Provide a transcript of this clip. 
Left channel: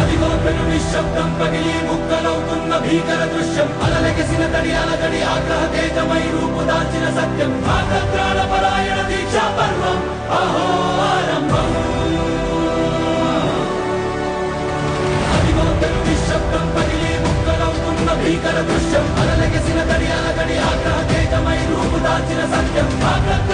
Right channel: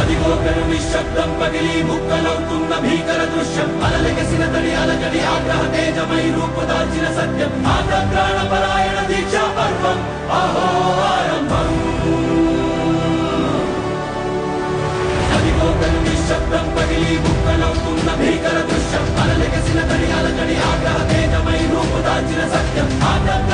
అదిగో పెను నిశ్శబ్దం పగిలి ముక్కలవుతున్న భీకర దృశ్యం అలలెగసిన తడి అలజడి ఆగ్రహ తేజమై రూపుదాల్చిన సత్యం ఆగ్రత్రాణ పరాయణ దీక్షా పర్వం అహో ఆరంభం అదిగో పెను నిశ్శబ్దం పగిలి ముక్కలవుతున్న భీకర దృశ్యం అలలెగసిన తడి అలజడి ఆగ్రహ తేజమై రూపుదాల్చిన సత్యం ఆగ్రత్రాణ